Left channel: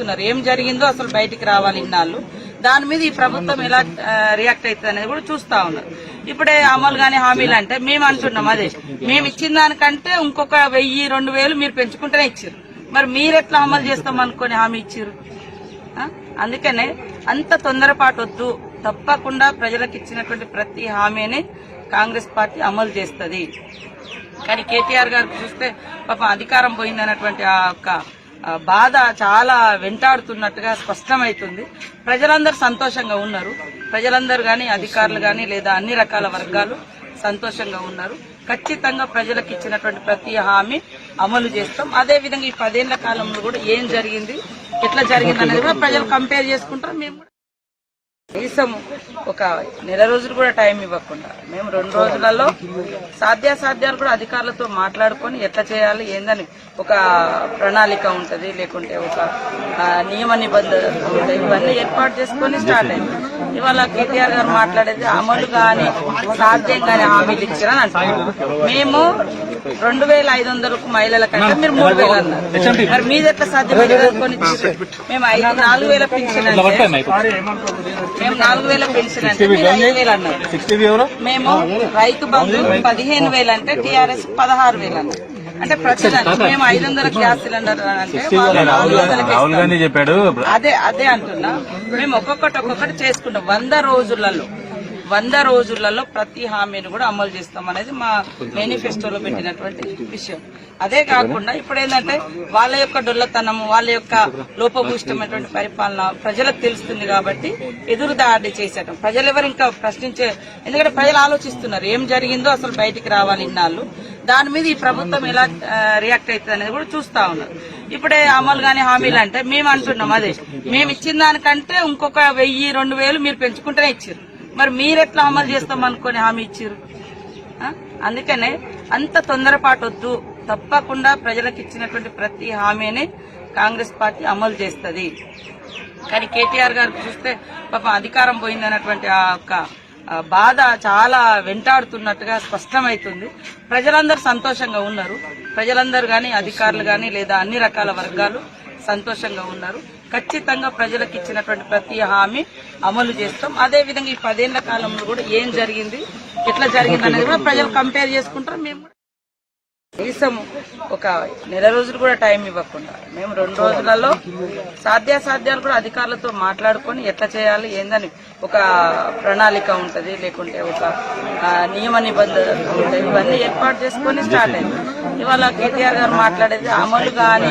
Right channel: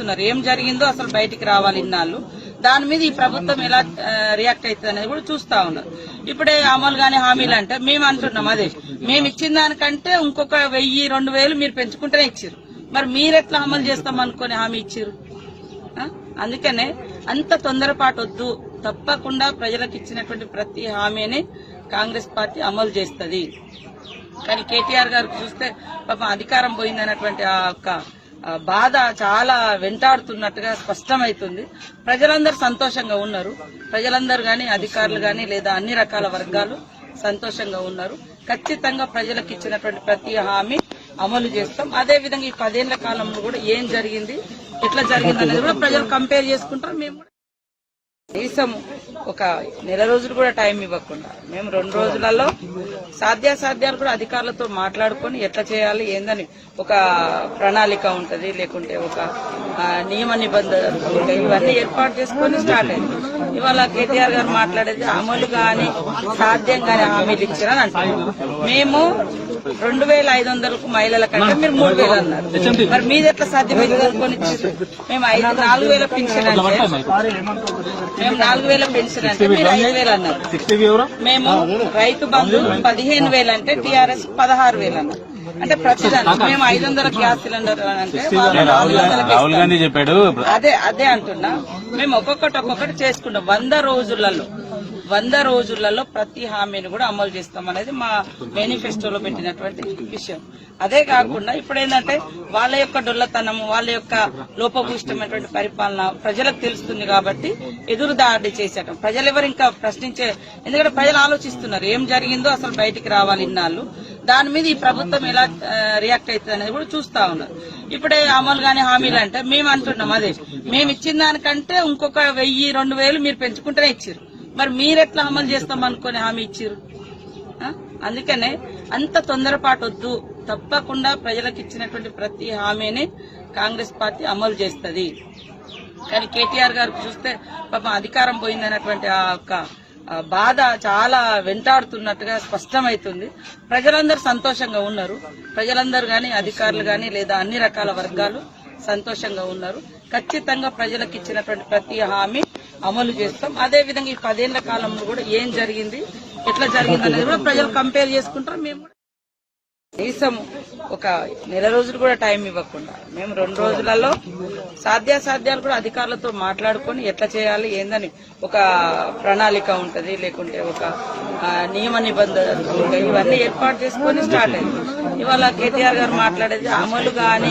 ఆలోచిస్తున్నారు ఏం జరిగిందో అసలు బయటికి రావాలి ఇన్నాళ్ళు. దాని మీద ఈ ప్రభుత్వం ఎలా రియాక్ట్ అవుతుంది అనేది కూడా చూస్తా ఉన్నారు. ఇప్పుడే అమలు గాని హామీలు అంటే మేము అంటున్నాం అదే. మేము ఇచ్చిన దానికంటే ఇంకొక వెయ్యి రెండు వేలు మీరు పెంచుకుంటేనే ఇచ్చారు మరి మీరు ఎట్లా అమలు చేస్తాం అనుకుని హామీ ఇచ్చారు అందుకనే అంత తొందరపాటు వద్దు తప్పకుండా ప్రజలకు ఇచ్చినటువంటి ప్రతి హామీని కాంగ్రెస్ పార్టీ అమలు చేస్తుంది. కానీ కేటీఆర్ గారు చూస్తే పాపం అధికారం పోయిందన్నటువంటి ఆ యొక్క బాధ చాలా వెంటాడుతున్నట్టుగా స్పష్టమవుతుంది. ప్రజలందరూ సంతోషంగా ఉన్నారు. ప్రజలందరూ కానీ అధికారులు కానీ లేదా అన్ని రకాల వర్గాలు సంతోషంగా ఉన్నారు. ఖచ్చితంగా ప్రజలకు ఇచ్చినటువంటి ప్రతి హామీ అమలు చేస్తాం. అదే విధంగా ఈ పదేళ్ళ కాలంలో కూడా ఏం జరిగింది ఎట్లా జరిగింది అనేది కూడా ప్రజలు కంపేర్ చేసుకుంటారు. మేము కనీసం ఒక నెల రోజులు కూడా టైం ఇవ్వకుండా. మేము రెండు రోజులలో సాధ్యాసాధ్యాలు కూడా అధికారులతో మాట్లాడుకొని ఎట్లా చేయాలి ఏందని ఒక ప్రణాళిక ఉంటుంది లేకుంటే ఒక నియమ నిబంధనలు ఇవన్నీ ఏర్పాటు చేసుకొని స్టార్ట్ అయింది. ఇవాళ కేటీఆర్ గారు మాట్లాడేది అమలు గాని సాధ్యం గాని హామీలు ఇచ్చారని అంటున్నారు. మేము రెండు వేల ఐదు వందలకు మహిళల కంటే మీరు మూడు వేలు అన్నారు. మరి మీది ఎట్లా సాధ్యమైంది అనుకొని మేము ఐదు నాలుగు వేల పెన్షన్ అంటే మేము నాలుగు వేల పెన్షన్ అంటే మీరు ఐదు వేలు అన్నారు. మేము రైతు బంధు పదిహేను వేలు అంటే టీఆర్ఎస్ పదహారు వేలు అన్నారు. అంటే ప్రతి మేము ఐదు వందల గ్యాస్ సిలిండర్ అంటే రాహుల్ గాంధీ చెప్పాడు. అదే అదే అంటున్నా. మేము ఒక్కొక్కటి ఒక్కొక్కటి చేసుకుంటాం. వంద రోజులలో వంద రోజులలో ప్రతి హామీని కూడా అమలు చేస్తాం అనేది మా మేనిఫెస్టోలో పెట్టినటువంటి విషయం. అదే కాకుండా ఇప్పుడు ఏంటంటే వాళ్ళ యొక్క డొల్లతనం వాళ్ళ యొక్క లోపభూష్టమైనటువంటి పరిపాలన ప్రజలకు తెలుస్తుంది కాబట్టి ఎదురు దాడి చేసేటం ప్రజలు ఎవరు ఇంకా ప్రశ్నించే ఎందుకంటే ప్రజలు ఆలోచిస్తున్నారు ఏం జరిగిందో అసలు బయటికి రావాలి ఇన్నాళ్ళు. దాని మీద ఈ ప్రభుత్వం ఎలా రియాక్ట్ అవుతుంది అనేది కూడా చూస్తా ఉన్నారు. ఇప్పుడే అమలు కానీ హామీలు అంటే మేము అంటున్నాం అదే. మేము ఇచ్చిన దానికంటే ఇంకొక వెయ్యి రెండు వేలు మీరు పెంచుకుంటేనే ఇచ్చారు. మరి మీరెట్లా అమలు చేస్తాం అనుకుని హామీ ఇచ్చారు అందుకనే అంత తొందరపాటు వద్దు తప్పకుండా ప్రజలకు ఇచ్చినటువంటి ప్రతి హామీని కాంగ్రెస్ పార్టీ అమలు చేస్తుంది. కానీ కేటీఆర్ గారు చూస్తే పాపం అధికారం పోయిందన్నటువంటి ఆ యొక్క బాధ చాలా వెంటాడుతున్నట్టుగా స్పష్టమవుతుంది ప్రజలందరూ సంతోషంగా ఉన్నారు. ప్రజలందరూ కానీ అధికారులు కానీ లేదా అన్ని రకాల వర్గాలు సంతోషంగా ఉన్నారు. ఖచ్చితంగా ప్రజలకు ఇచ్చినటువంటి ప్రతి హామీ అమలు చేస్తాం. అదే విధంగా ఈ పదేళ్ళ కాలంలో కూడా ఏం జరిగింది ఎట్లా జరిగింది అనేది కూడా ప్రజలు కంపేర్ చేసుకుంటారు. మేము కూడా కనీసం ఒక నెల రోజులు కూడా టైం ఇవ్వకుండా మేము రెండు రోజులలో సాధ్యాసాధ్యాలు కూడా అధికారులతో మాట్లాడుకొని ఎట్లా చేయాలి ఏందని ఒక ప్రణాళిక ఉంటది లేకుంటే ఒక నియమ నిబంధనలు ఉంటాయి. ఇవన్నీ ఏర్పాటు చేసుకొని స్టార్ట్ అయింది. ఇవాళ కేటీఆర్ గారు మాట్లాడేది అమలు గాని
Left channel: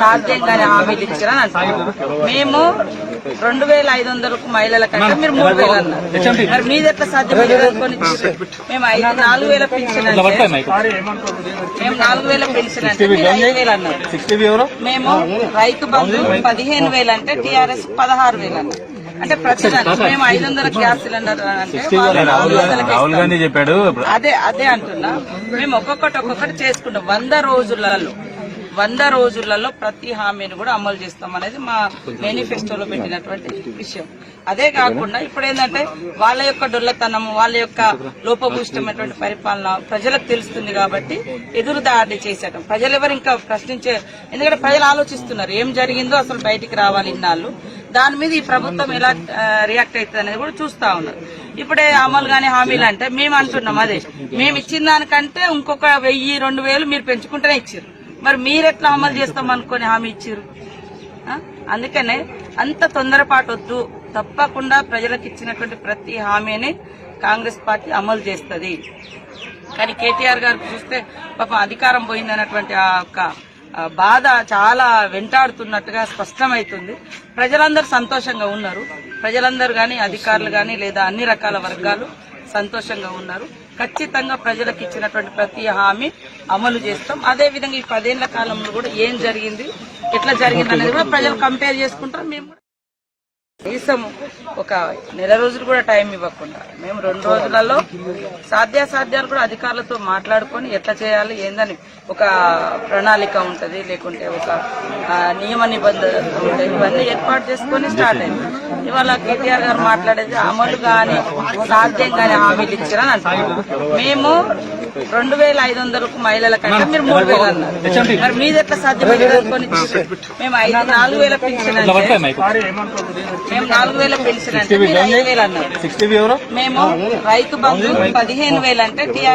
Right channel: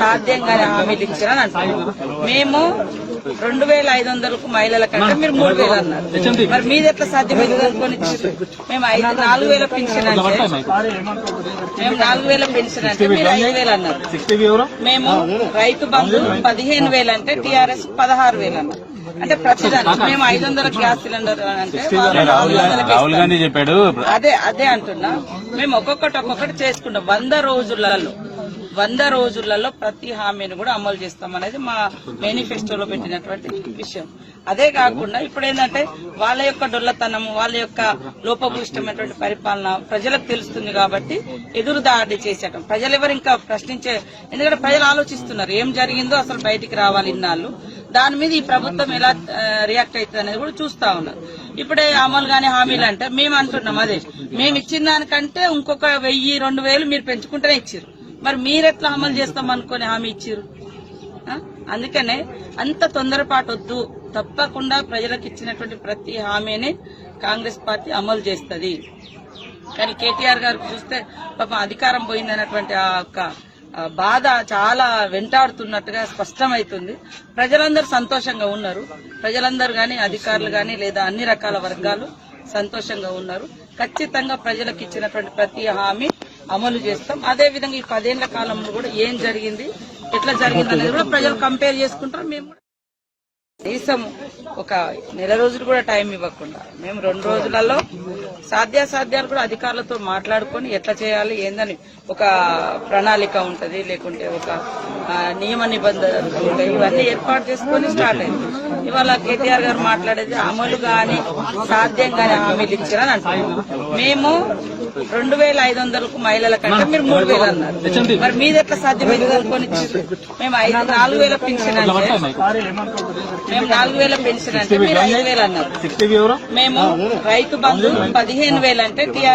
సాధ్యం గాని హామీలు ఇచ్చారని అంటున్నారు. మేము రెండు వేల ఐదు వందలకు మహిళల కంటే మీరు మూడు వేలు అన్నారు. మరి మీది ఎట్లా మేము ఐదు నాలుగు వేల పెన్షన్ మేము నాలుగు వేల పెన్షన్ అంటే మీరు ఐదు వేలు అన్నారు. సిక్స్టీ ఎవరు? మేము రైతు బంధు పదిహేను వేలు అంటే టీఆర్ఎస్ పదహారు వేలు అన్నారు. అంటే ప్రతి మేము ఐదు వందల గ్యాస్ సిలిండర్ అంటే రాహుల్ గాంధీ చెప్పాడు. అదే అదే అంటున్నా. మేము ఒక్కొక్కటి ఒక్కొక్కటి చేసుకుంటాం. వంద రోజులలో వంద రోజులలో ప్రతి హామీని కూడా అమలు చేస్తాం అనేది మా మేనిఫెస్టోలో పెట్టినటువంటి విషయం. అదే కాకుండా ఇప్పుడు ఏంటంటే వాళ్ళ యొక్క డొల్లతనం వాళ్ళ యొక్క లోపభూష్టమైనటువంటి పరిపాలన ప్రజలకు తెలుస్తుంది కాబట్టి ఎదురు దాడి చేసేటం ప్రజలు ఎవరు ఇంకా ప్రశ్నించే ఎందుకంటే ప్రజలు ఆలోచిస్తున్నారు ఏం జరిగిందో అసలు బయటికి రావాలి ఇన్నాళ్ళు. దాని మీద ఈ ప్రభుత్వం ఎలా రియాక్ట్ అవుతుంది అనేది కూడా చూస్తా ఉన్నారు. ఇప్పుడే అమలు కానీ హామీలు అంటే మేము అంటున్నాం అదే. మేము ఇచ్చిన దానికంటే ఇంకొక వెయ్యి రెండు వేలు మీరు పెంచుకుంటేనే ఇచ్చారు మరి మీరు ఎట్లా అమలు చేస్తాం అనుకుని హామీ ఇచ్చారు అందుకనే అంత తొందరపాటు వద్దు తప్పకుండా ప్రజలకు ఇచ్చినటువంటి ప్రతి హామీని కాంగ్రెస్ పార్టీ అమలు చేస్తుంది. కానీ కేటీఆర్ గారు చూస్తే పాపం అధికారం పోయిందన్నటువంటి ఆ యొక్క బాధ చాలా వెంటాడుతున్నట్టుగా స్పష్టమవుతుంది ప్రజలందరూ సంతోషంగా ఉన్నారు. ప్రజలందరూ కానీ అధికారులు కానీ లేదా అన్ని రకాల వర్గాలు సంతోషంగా ఉన్నారు. ఖచ్చితంగా ప్రజలకు ఇచ్చినటువంటి ప్రతి హామీ అమలు చేస్తాం. అదే విధంగా ఈ పదేళ్ళ కాలంలో కూడా ఏం జరిగింది ఎట్లా జరిగింది అనేది కూడా ప్రజలు కంపేర్ చేసుకుంటారు. మేము కనీసం ఒక నెల రోజులు కూడా టైం ఇవ్వకుండా మేము రెండు రోజులలో సాధ్యాసాధ్యాలు కూడా అధికారులతో మాట్లాడుకొని ఎట్లా చేయాలి ఏందని ఒక ప్రణాళిక ఉంటది లేకుంటే ఒక నియమ నిబంధనలు ఉంటాయి. ఇవన్నీ ఏర్పాటు చేసుకొని స్టార్ట్ అయింది. ఇవాళ కేటీఆర్ గారు మాట్లాడేది అమలు గాని సాధ్యం గాని హామీలు ఇచ్చారని అంటున్నారు. మేము రెండు వేల ఐదు వందలకు మహిళల కంటే మీరు మూడు వేలు అన్నారు. మరి మీది ఎట్లా సాధ్యమైంది? అనుకొని మేము ఐదు నాలుగు వేల పెన్షన్ అంటే మేము నాలుగు వేల పెన్షన్ అంటే మీరు ఐదు వేలు అన్నారు. మేము రైతు బంధు పదిహేను వేలు అంటే టీఆర్